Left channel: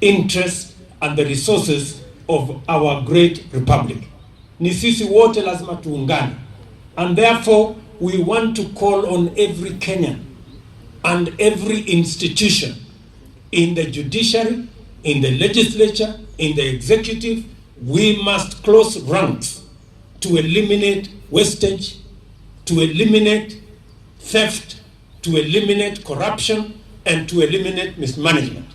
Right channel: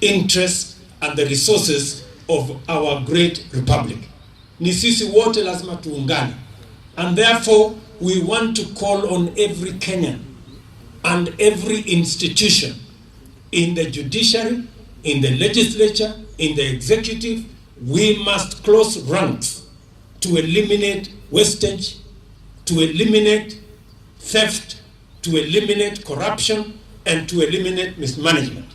interests and the resources of our great republic. Ni sisi wote lazima tuungane. And therefore, we want to call on every Kenyan and every institution in the judiciary, in the legislature, in the executive. We must close ranks to eliminate wastage, to eliminate theft, to eliminate corruption, and to eliminate mismanagement.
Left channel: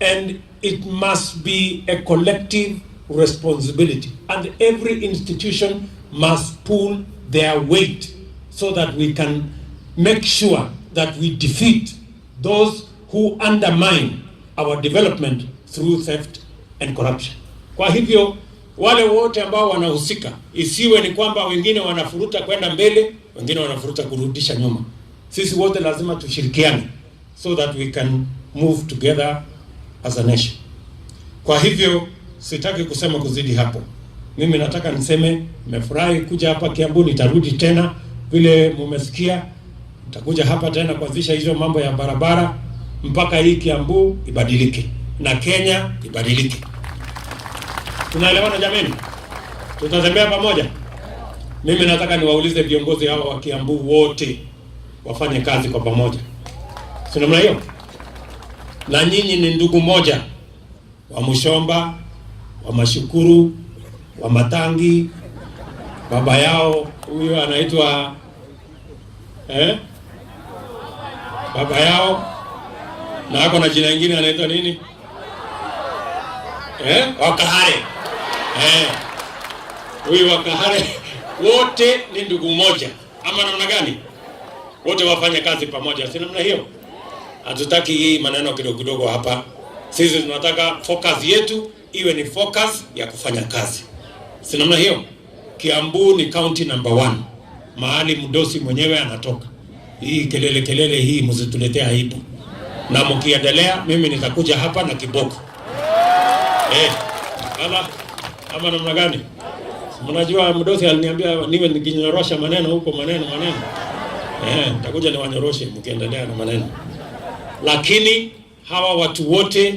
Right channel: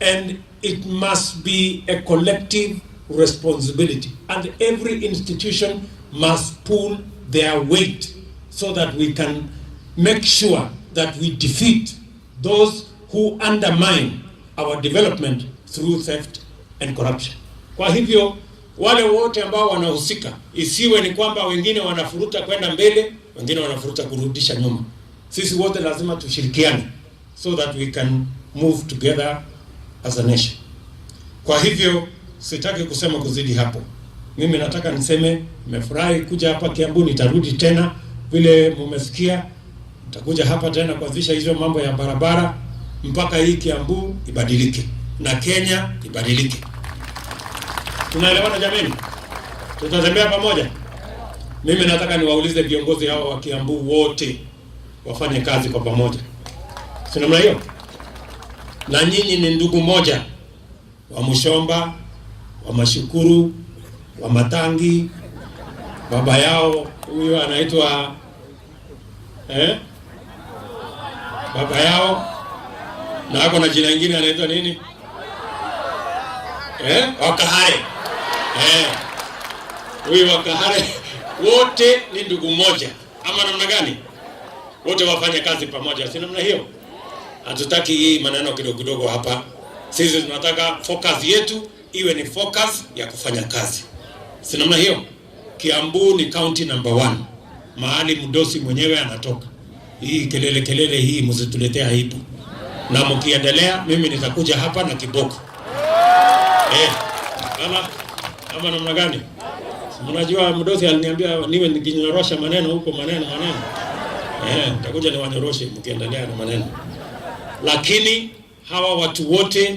And it must be a collective responsibility. And every institution must pull their weight so that we can make sure that we defeat those who undermine our development through theft and corruption. Kwa hivyo, wale wote ambao wanahusika, isiwe ni kwamba wengine wanafuruta kwenda mbele, wengine wanafuruta kurudisha nyuma. Sisi wote lazima tushirikiane so that we can move together as a nation. Kwa hivyo, sitaki kusema kuzidi hapo. Mimi nataka niseme, nimefurahi kuja hapa Kiambu, nitarudi tena vile mumesikia. Nitakuja hapa tena kuanzisha hizo mambo ya barabara mpaka hii Kiambu ibadilike na Kenya ibadilike. Tunaelewana jameni? Tutatembea pamoja. Mimi nataka niwaulize viongozi hao wa Kiambu wote wafanye kazi kwa pamoja. Si namna hiyo? Na nyinyi ni ndugu moja, wa Mushomba, wa Mashukuru, wa Matangi. Baba yao huyo anaitwa baba yao na ako na jina lingine anaitwa nini? Wakahare. Huyo Wakahare wote ni ndugu moja. Ama namna gani? Wote wafanye kazi pamoja. Si namna hiyo? Hatutaki hii maneno kidogo kidogo hapa. Sisi tunataka focus yetu iwe ni focus ya kufanya kazi. Si namna hiyo? Kiambu ni county number 1. Mahali mdosi mwenyewe anatoka. Hii kelele hii msituletea aibu. Na mkiendelea mimi nitakuja hapa na kiboko. Ama namna gani? Mnajua mdosi aliniambia niwe nikinyorosha maneno huko maneno. Nitakuja niwanyoroshe mkiendelea na maneno. Lakini hawa watu wote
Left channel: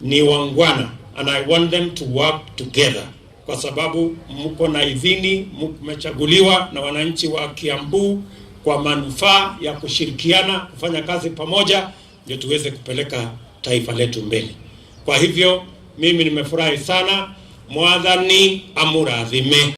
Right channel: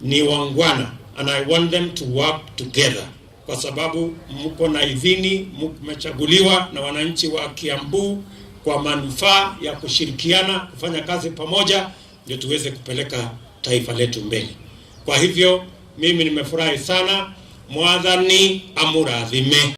ni wangwana and I want them to work together. Kwa sababu mko na idhini, mmechaguliwa na wananchi wa Kiambu kwa manufaa ya kushirikiana, kufanya kazi pamoja, ndio tuweze kupeleka taifa letu mbele. Kwa hivyo, mimi nimefurahi sana. Mwadhani amurathime.